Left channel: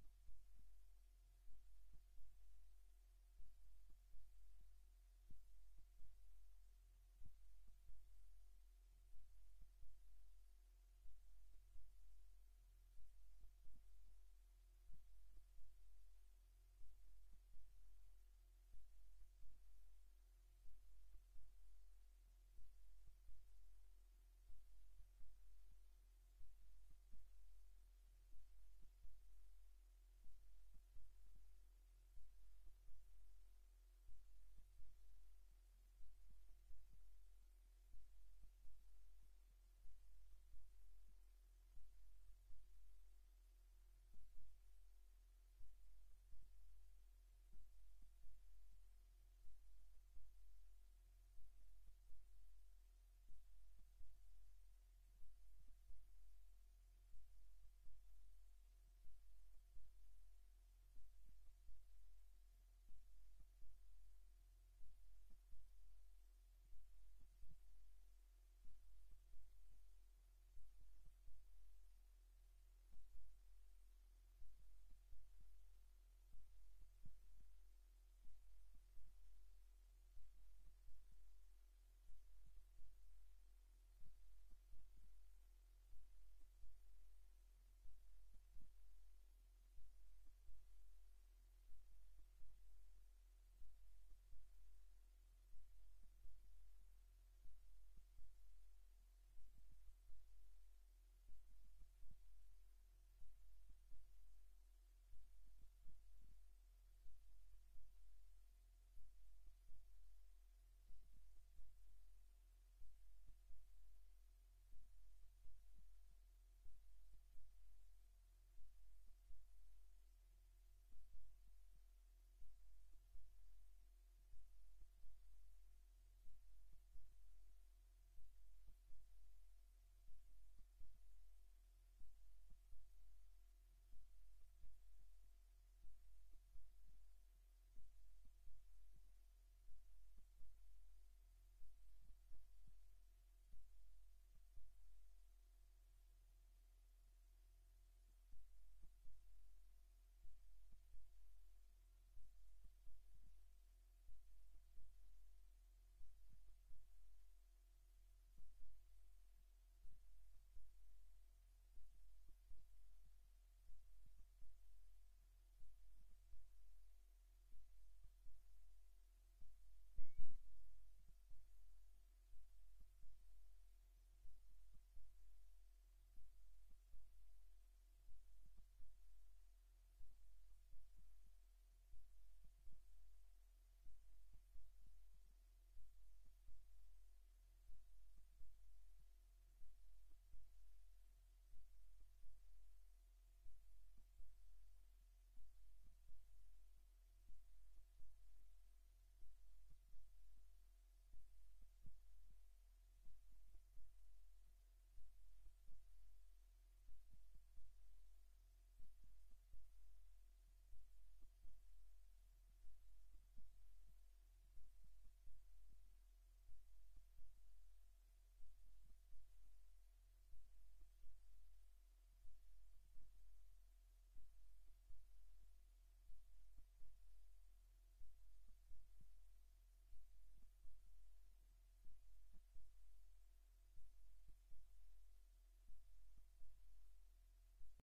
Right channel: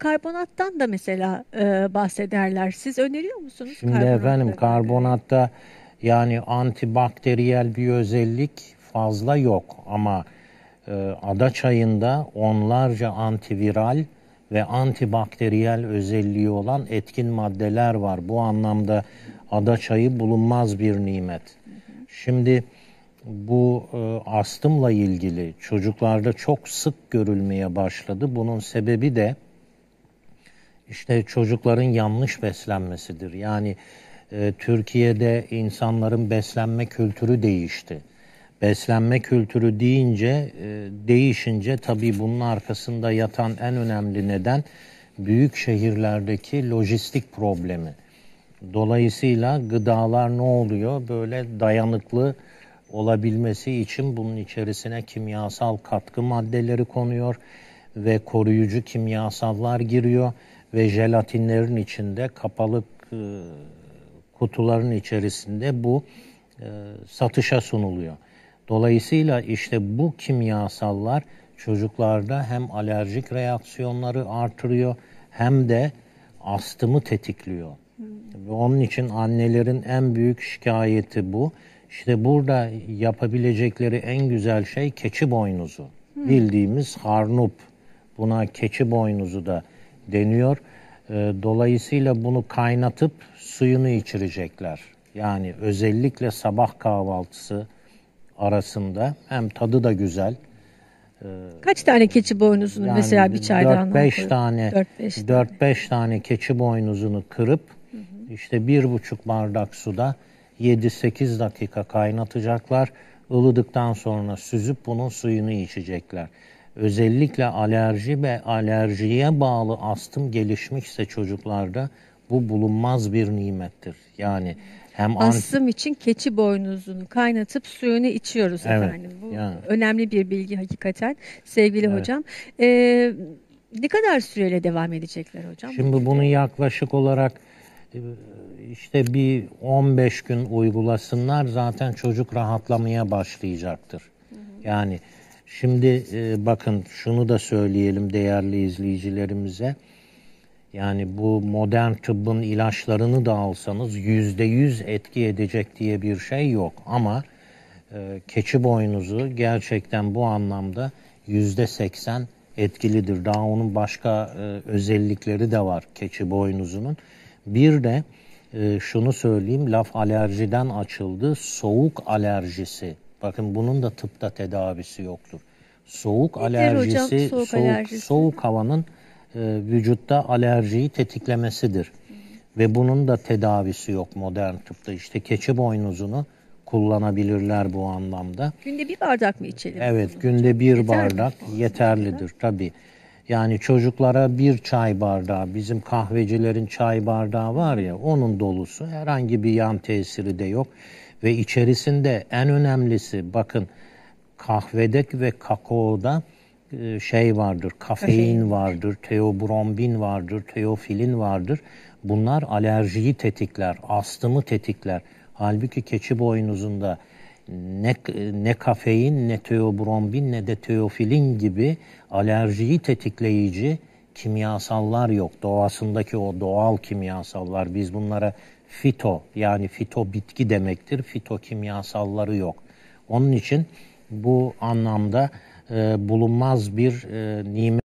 karbonattan da mesela e, bahsederler. Siz öneriyor musunuz Şimdi karbonatla efendim karbonatta yani antibakteriyel bir özellik fazla yok ama e, ada çayında onlarca antiviral ve antibakteriyel özelliği olan etkin maddeler var. Bu anlamda ada çayı bulunmaz bir nimet. Şimdi bu e, astımla ilgili çocuklarda çok sık görülmeye başladı. Bunun sebebi de işte çocukların yanlış beslenmesidir. Yani e, Türkiye'de insanların beslenme kültürü değişti. Beslenme kültürü deyince, e, değişince tabii bunun arkasında yatan en önemli neden büyük şehirlerdeki lojistik problemi. Dolayısıyla gıdalar ne oluyor? Böyle dayanıklı olabilmesi için bunun içerisine kimyasal katkı maddeleri konuyor ve koruyucu kimyasallar giriyor ve jelatinlerin içinde kapalı e, kutuların içerisinde bu e, satışa sunuluyor. Dolayısıyla işte bu kimyasallar çocuklarda hem alerjik reaksiyonları artırıyor hem de astımı tetikliyor. Ve onun için annelerin en büyük şikayeti bu. İşte burada yapabilecekleri en güzel şey keçi boynuzu. Bildiğimiz harnup. Buna keçi boynuzu da deniyor. Ee, Dolayısıyla bunu kaynatıp suyunu içirecekler. Yani özellikle sabah kahvaltısı arasında hem tadı da güzel. Kaç tane keçi boynuzunu Yani mesela bir çaydanlığa 4-5 koyup- tane 4-5 tane. 4-5 tane keçi boynuzunu kırıp işte bir buçuk bardak suda 7-8 dakika kaynatacaklar. Ilıdıktan sonra süzüp bunun suyunu içecekler. Özellikle alerji ve alerjiye bağlı astım gelişmişse çocuklarda bu bulunmaz bir nimettir. Yani hem Astım için keçi boynuzunu kaynatıp suyunu içiyoruz Evet, efendim. Bu yani. önemli bir bilgi hakikaten sevgili Evet. hocam. Ee, ne kadar süreyle devam edecekler hocam? Şimdi bunu yaklaşık olarak e, işte bir 15 gün uygulasınlar zaten çocuk rahatlamaya başlayacaktır. Yani şimdi e, bakın şunu da söyleyelim değerli izleyicilerimize. Yani bu modern tıbbın ilaçlarını da alsanız yüzde yüz etki edecek diye bir şey yok. Ama e, keçi boynuzu gerçekten bu anlamda yüzde seksen etkilidir. Daha onun başka e, özellikleri de var keçi boynuzunun. Bir de e, şunu söyleyeyim laf alerjiden açıldı. Soğuk alerjisi. Bakın bunun da tıpta tedavisi yoktur. Soğuk Nedir alerjisi, hocam soğuk soğuk, alerjisi? soğuk havanın e, vücutta alerjiyi tetiklemesidir. Ve bunun da tedavisi yok modern tıpta. İşte keçi boynuzunu kullanabilirler bu anlamda. Günde bir bardak mı içelim? Evet, günde bir Yeter mi? bardak yeterlidir tabii. Yani çocuklara bir çay bardağı, bizim kahvecilerin çay bardağı var ya, onun dolusu herhangi bir yan tesiri de yok. Ve içerisinde en önemlisi bakın kahvede ve kakaoda e, şey vardır, kafein Kafein. vardır, teobrombin vardır, teofilin vardır. Bunlar alerjiyi tetikler, astımı tetikler. Halbuki keçi boynuzunda ne, ne kafein, ne teobrombin, ne de teofilin gibi alerjiyi tetikleyici kimyasallar yok. Doğasındaki o doğal kimyasallar. Biz bunlara fito yani fito bitki demektir. Fito kimyasalları yok. Onun için bu anlamda e, bulunmaz bir e, nimet.